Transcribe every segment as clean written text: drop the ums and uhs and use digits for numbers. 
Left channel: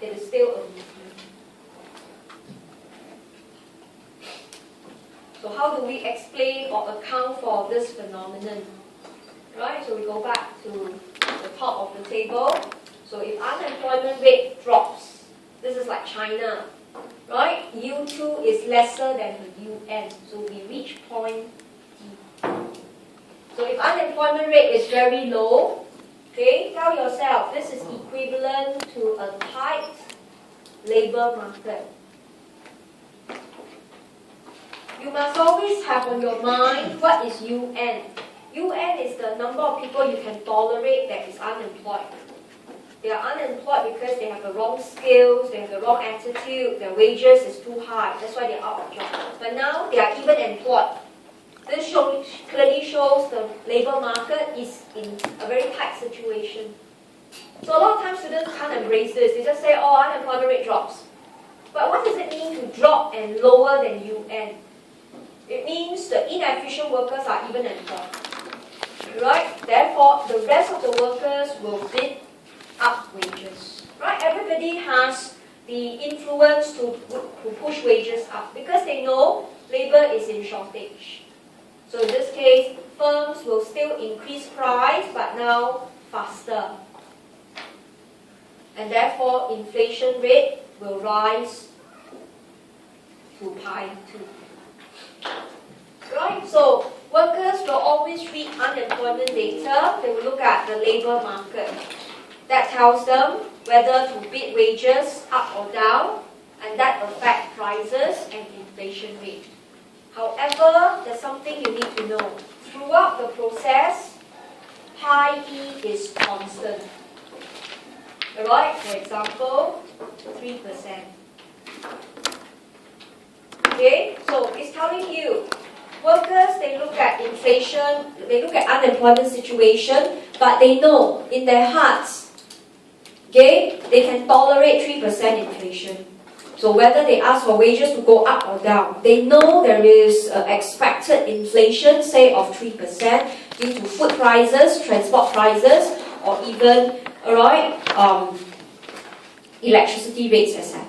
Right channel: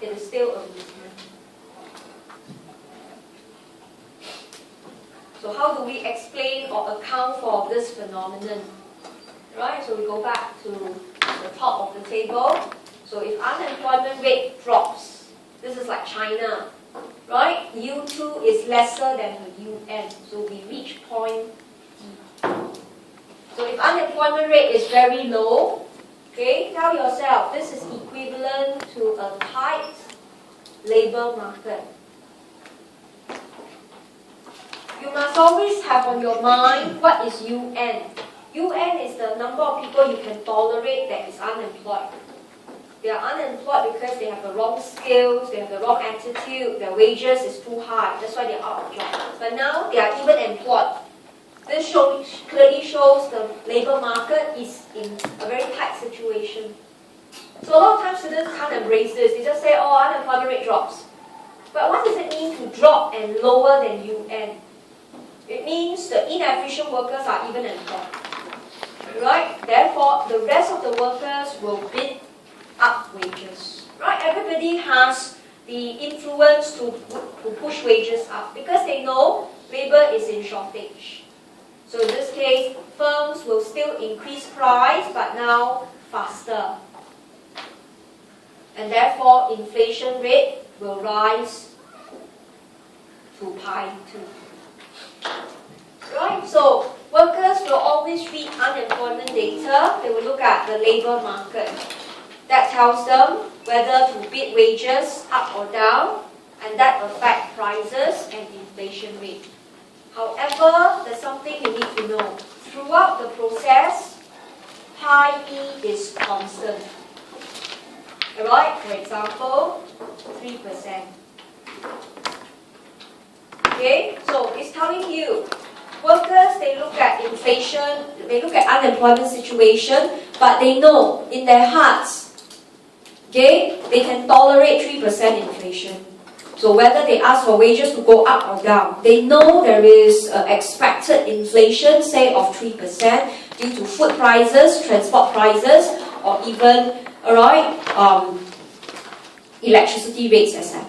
it is still a movement. So how do we explain or account for this phenomenon? Right, so we go back to the top of the table. So if unemployment rate drops, this is like China, right? U2 is lesser than the UN, so we reach point D. So if unemployment rate is very low, okay, tell yourself this is equivalent to a tight labor market. You must always have on your mind what is UN. UN is the number of people you can tolerate that is unemployed. They are unemployed because they have the wrong skills, they have the wrong attitude, their wages is too high, that's why they are out of job. But now they are even employed. This clearly shows the labor market is in a very tight situation. So a lot of times students can't embrace this. They just say, oh, unemployment rate drops. But what does it mean to drop and lower than UN? It means the inefficient workers are even employed. Right? Therefore, the rest of the workers will bid up wages. Right? Everybody has the influence to push wages up because they know labor is in shortage. So in this case, firms will still increase price, but now faster. And therefore, inflation rate will rise to pi 2. Right? So workers will always read unemployment data. They will look at the labor market. That tells them whether to bid wages up or down, and that affects prices and inflation rate. However, there's something you need to know. Throughout the process, pi E is constant. Alright, for example, 3%. Okay, so it's telling you, workers, they look at inflation, they look at unemployment situation, but they know in their hearts, okay, they can tolerate 3% inflation. So whether they ask for wages to go up or down, they know there is expected inflation, say of 3%, due to food prices, transport prices, or even, electricity rates, etc.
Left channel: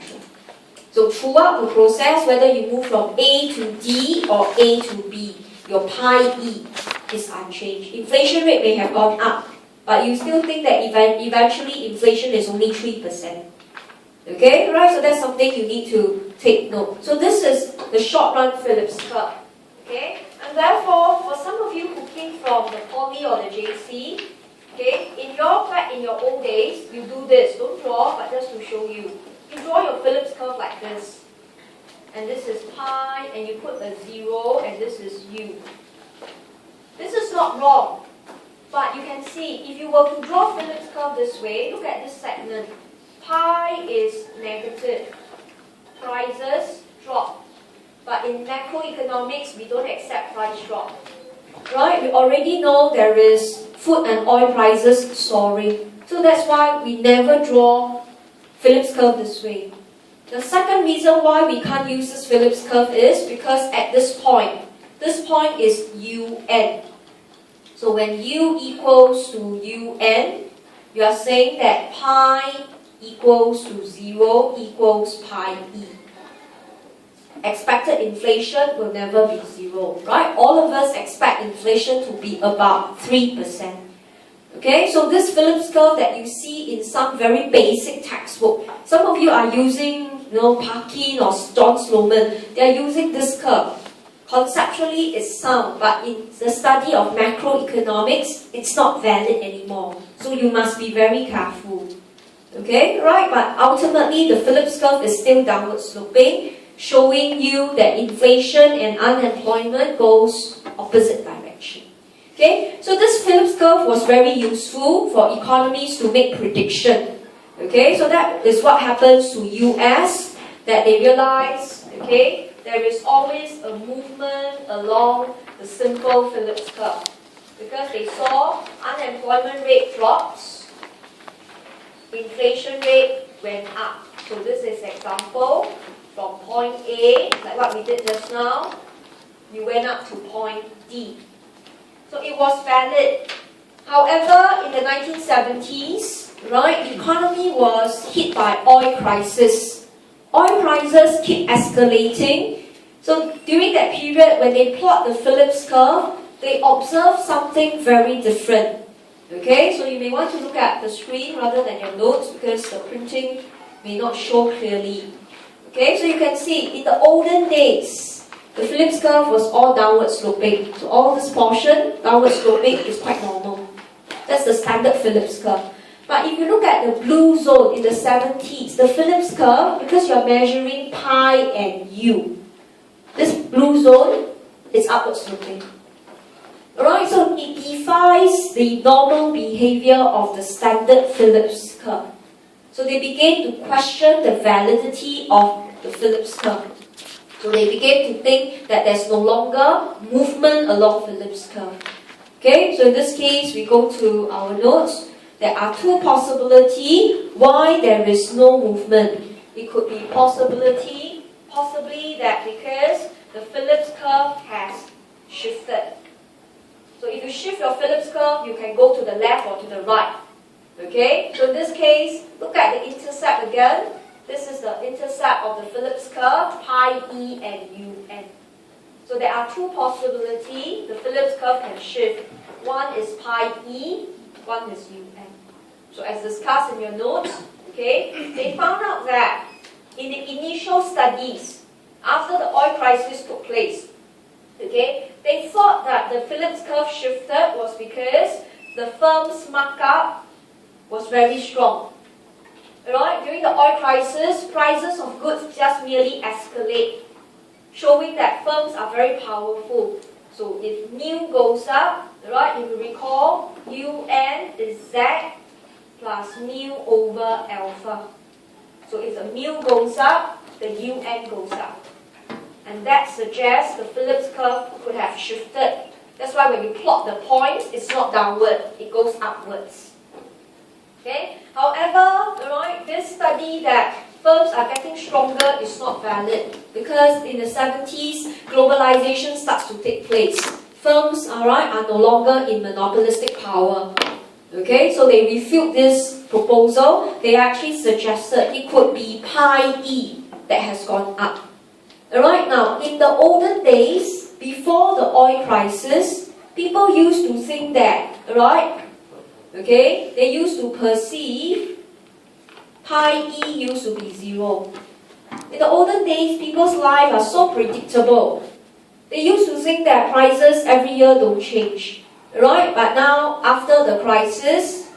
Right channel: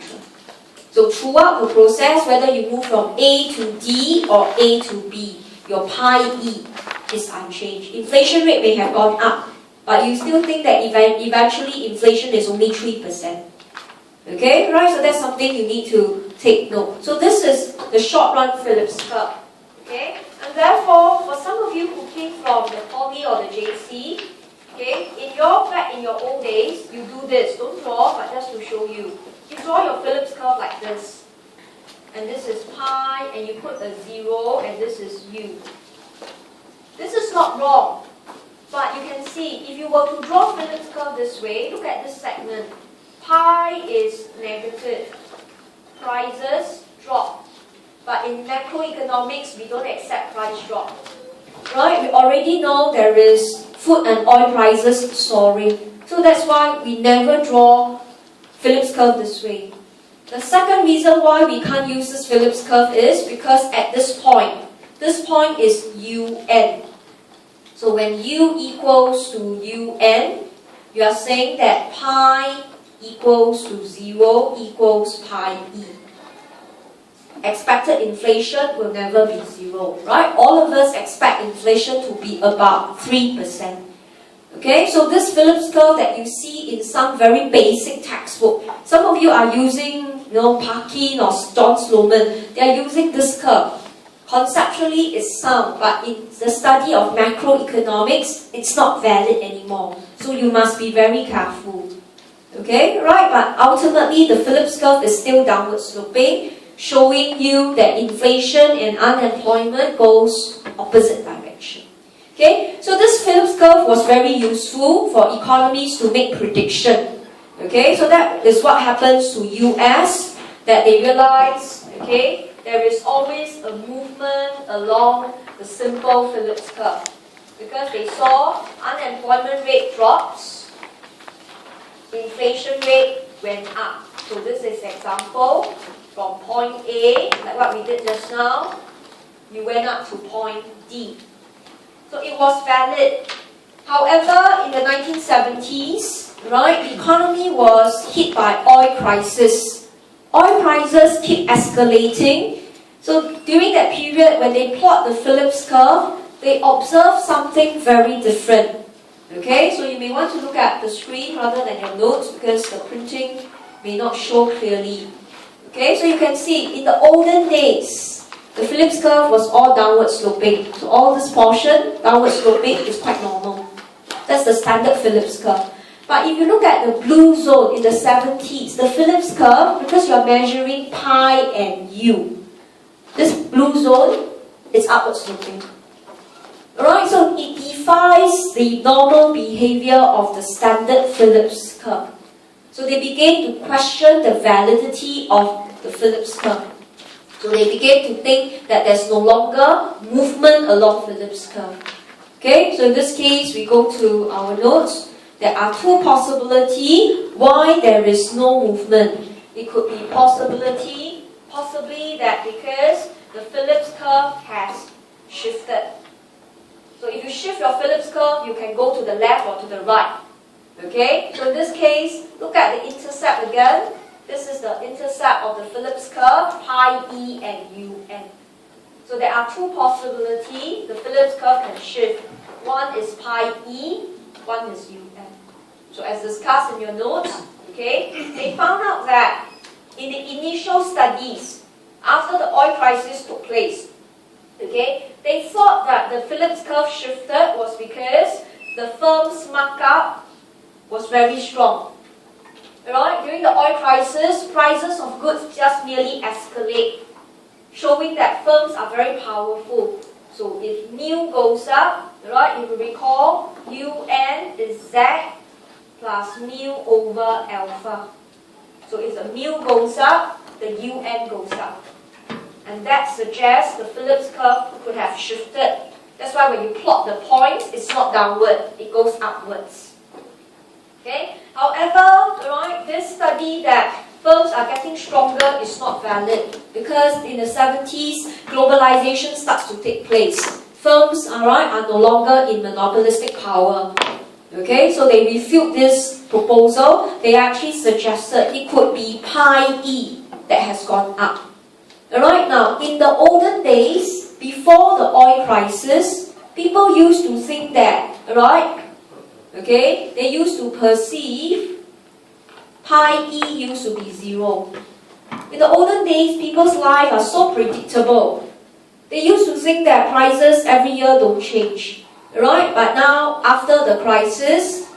So throughout the process, whether you move from A to D or A to B, your pi E is unchanged. Inflation rate may have gone up, but you still think that eventually inflation is only 3%. Okay, right? So that's something you need to take note. So this is the short-run Phillips curve. Okay, and therefore, for some of you who came from the poly or the JC, okay, back in your old days, you do this. Don't draw, but just to show you. You draw your Phillips curve like this. And this is pi, and you put a 0, and this is u. This is not wrong. But you can see, if you were to draw Phillips curve this way, look at this segment. Pi is negative. Prices drop. But in macroeconomics, we don't accept price drop. Right? We already know there is food and oil prices soaring. So that's why we never draw Phillips curve this way. The second reason why we can't use this Phillips curve is because at this point is UN. So when U equals to UN, you are saying that pi equals to 0 equals pi E. Expected inflation will never be 0, right? All of us expect inflation to be about 3%. Okay, so this Phillips curve that you see in some very basic textbook, some of you are using, Parkin or John Sloman, they are using this curve. Conceptually, it's sound, but in the study of macroeconomics, it's not valid anymore. So you must be very careful. Okay, right? But ultimately, the Phillips curve is still downward sloping, showing you that inflation and unemployment goes opposite direction. Okay, so this Phillips curve was very useful for economies to make prediction. Okay, so that is what happens to US, that they realize, okay, there is always a movement along the simple Phillips curve. Because they saw unemployment rate drops, inflation rate went up. So this is example from point A, like what we did just now, we went up to point D. So it was valid. However, in the 1970s, right, the economy was hit by oil crisis. Oil prices keep escalating. So during that period, when they plot the Phillips curve, they observe something very different. Okay, so you may want to look at the screen rather than your notes because the printing may not show clearly. Okay, so you can see in the olden days, the Phillips curve was all downward sloping. So all this portion, downward sloping, is quite normal. That's the standard Phillips curve. But if you look at the blue zone in the 70s, the Phillips curve, because you're measuring pi and u, this blue zone is upward sloping. Alright, so it defies the normal behavior of the standard Phillips curve. So they began to question the validity of the Phillips curve. So they began to think that there's no longer movement along Phillips curve. Okay, so in this case, we go to our notes. There are two possibilities why there is no movement. It could be possibly that because the Phillips curve has shifted. So if you shift your Phillips curve, you can go to the left or to the right. Okay, so in this case, look at the intercept again. This is the intercept of the Phillips curve, pi e and un. So there are two possibilities. The Phillips curve can shift. One is pi e, one is un. So as discussed in your notes, okay, they found out that in the initial studies, after the oil crisis took place, okay, they thought that the Phillips curve shifted was because the firm's markup was very strong. Right? During the oil crisis, prices of goods just merely escalate, showing that firms are very powerful. So if mu goes up, right, if you recall, un is z plus mu over alpha. So if the mu goes up, the un goes up. And that suggests the Phillips curve could have shifted. That's why when you plot the points, it's not downward, it goes upwards. Okay? However, right, this study that firms are getting stronger is not valid because in the 70s, globalization starts to take place. Firms, are no longer in monopolistic power. Okay, so they refute this proposal. They actually suggested it could be pi e that has gone up. Alright, now, in the olden days, before the oil crisis, people used to think that, right, okay, they used to perceive pi e used to be 0. In the olden days, people's lives are so predictable. They used to think that prices every year don't change. Right? But now, after the crisis,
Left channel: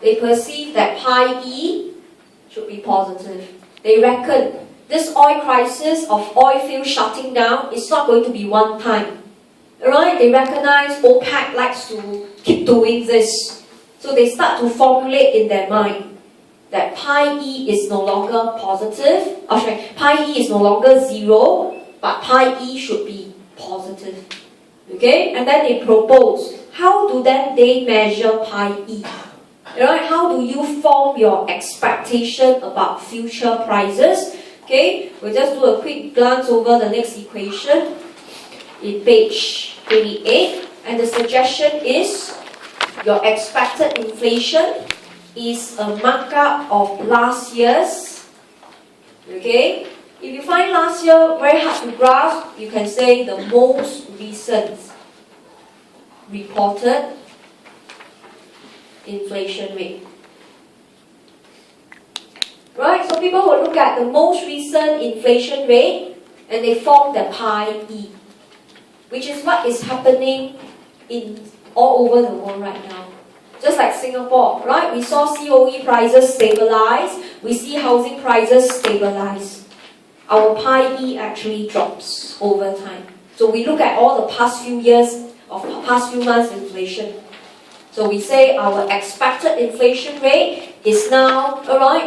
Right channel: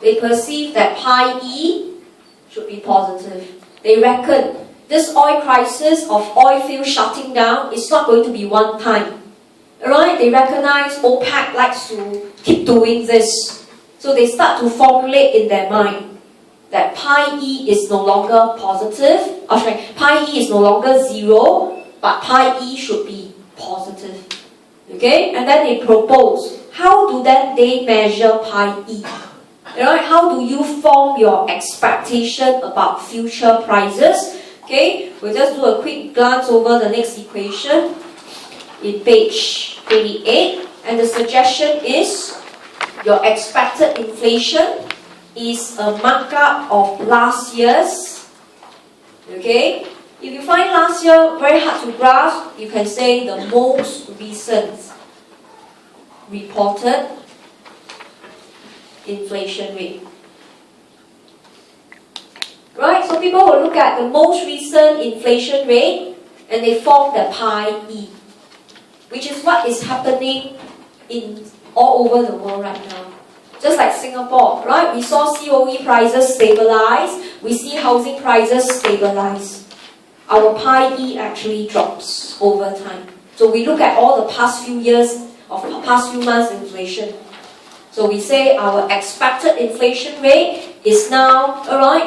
they perceive that pi e should be positive. They reckon this oil crisis of oil fields shutting down is not going to be one time. Right? They recognize OPEC likes to keep doing this. So they start to formulate in their mind that pi e is no longer positive. Pi e is no longer 0, but pi e should be positive. Okay, and then they propose, how do then they measure pi e? Right? How do you form your expectation about future prices? Okay, we'll just do a quick glance over the next equation in page 28. And the suggestion is, your expected inflation is a markup of last year's. Okay, if you find last year very hard to grasp, you can say the most recent reported inflation rate. Right, so people will look at the most recent inflation rate and they form the pi e, which is what is happening in all over the world right now. Just like Singapore, right? We saw COE prices stabilize, we see housing prices stabilize. Our pi e actually drops over time. So we look at all the past few years of past few months inflation. So we say our expected inflation rate is now,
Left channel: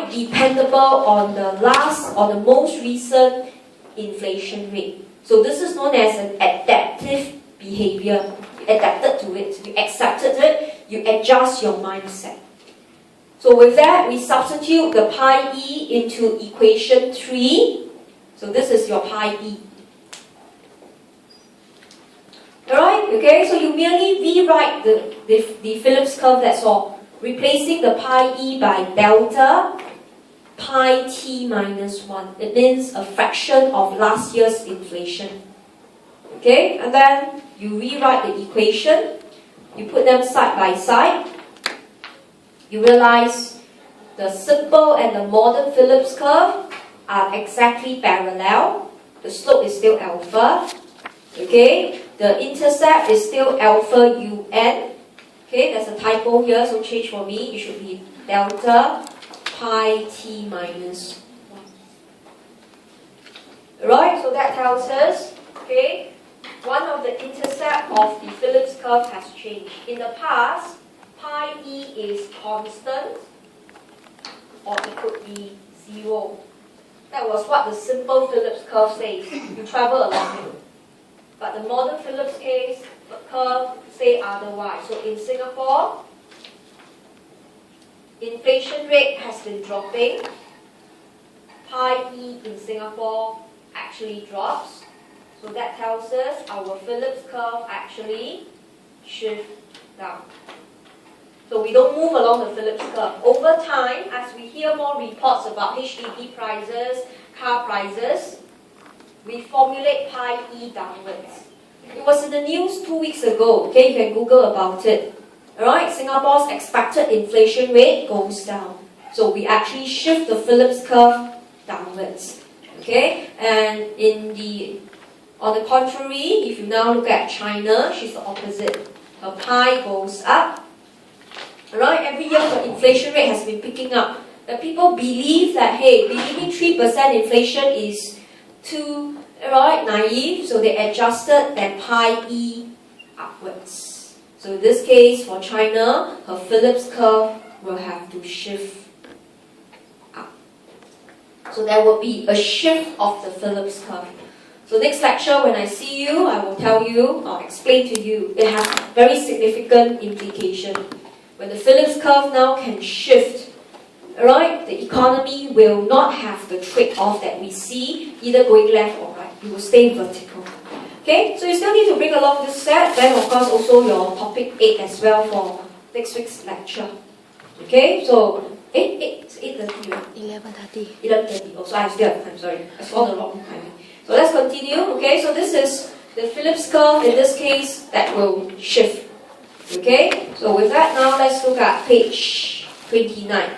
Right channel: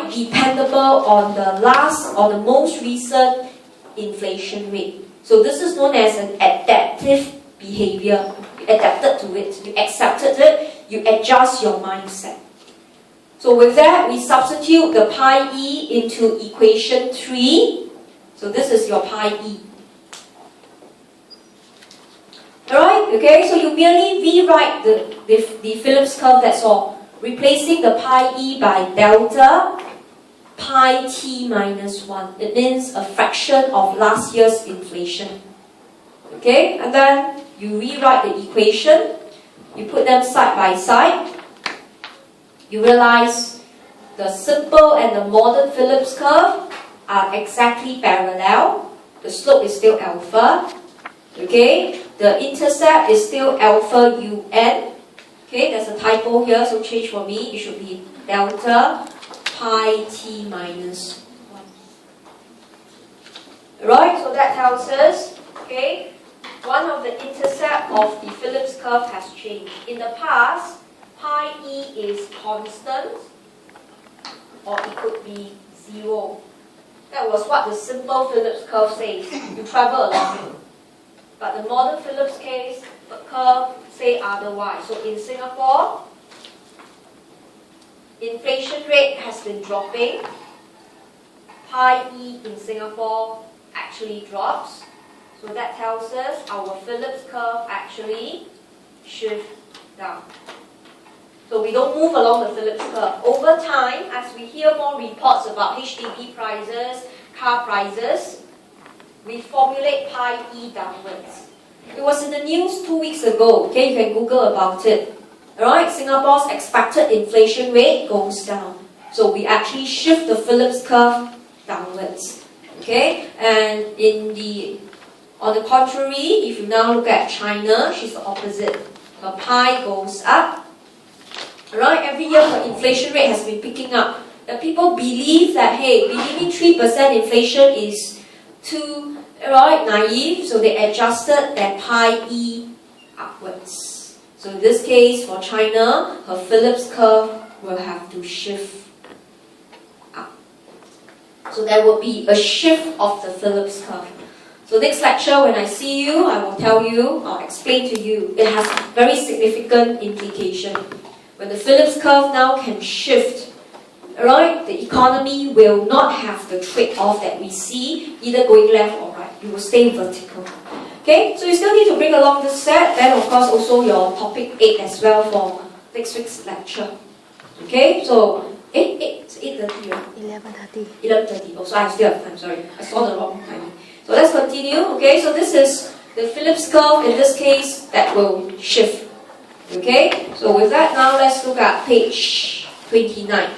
dependable on the last or the most recent inflation rate. So this is known as an adaptive behavior. You adapted to it, you accepted it, you adjust your mindset. So with that, we substitute the pi e into equation 3. So this is your pi e. Alright, okay, so you merely rewrite the Phillips curve, that's all. replacing the pi e by delta pi t minus 1. It means a fraction of last year's inflation. Okay, and then you rewrite the equation, you put them side by side, you realize the simple and the modern Phillips curve are exactly parallel. The slope is still alpha. Okay, the intercept is still alpha un. Okay, there's a typo here, so change for me. It should be delta pi t minus 1. Right, so that tells us, okay, one of the intercept of the Phillips curve has changed. In the past, pi e is constant, or it could be 0. That was what the simple Phillips curve says. You travel along it. But the modern Phillips curve say otherwise. So in Singapore, inflation rate has been dropping. Pi e in Singapore actually drops. So that tells us our Phillips curve actually shifts down. So we don't move along the Phillips curve. Over time, as we hear more reports about HDB prices, car prices, we formulate pi e downwards. It was in the news 2 weeks ago. Okay, you can Google about it. Alright, Singapore's expected inflation rate goes down. So we actually shift the Phillips curve downwards. Okay, and on the contrary, if you now look at China, she's the opposite. Her pi goes up. Alright, every year the inflation rate has been picking up. The people believe that, hey, believing 3% inflation is too naive, so they adjusted their pi e upwards. So in this case, for China, her Phillips curve will have to shift up. So there will be a shift of the Phillips curve. So next lecture, when I see you, I will tell you, or explain to you, it has very significant implication. When the Phillips curve now can shift, alright, the economy will not have the trade-off that we see, either going left or right. It will stay vertical. Okay, so you still need to bring along this set, then of course also your topic 8 as well for next week's lecture. Okay, so 8:30, right? 11:30. 11:30. Oh, so I still have time, sorry. I saw the wrong time. So let's continue. Okay, so this is the Phillips curve, in this case, that will shift. Okay, so with that now let's look at page 29.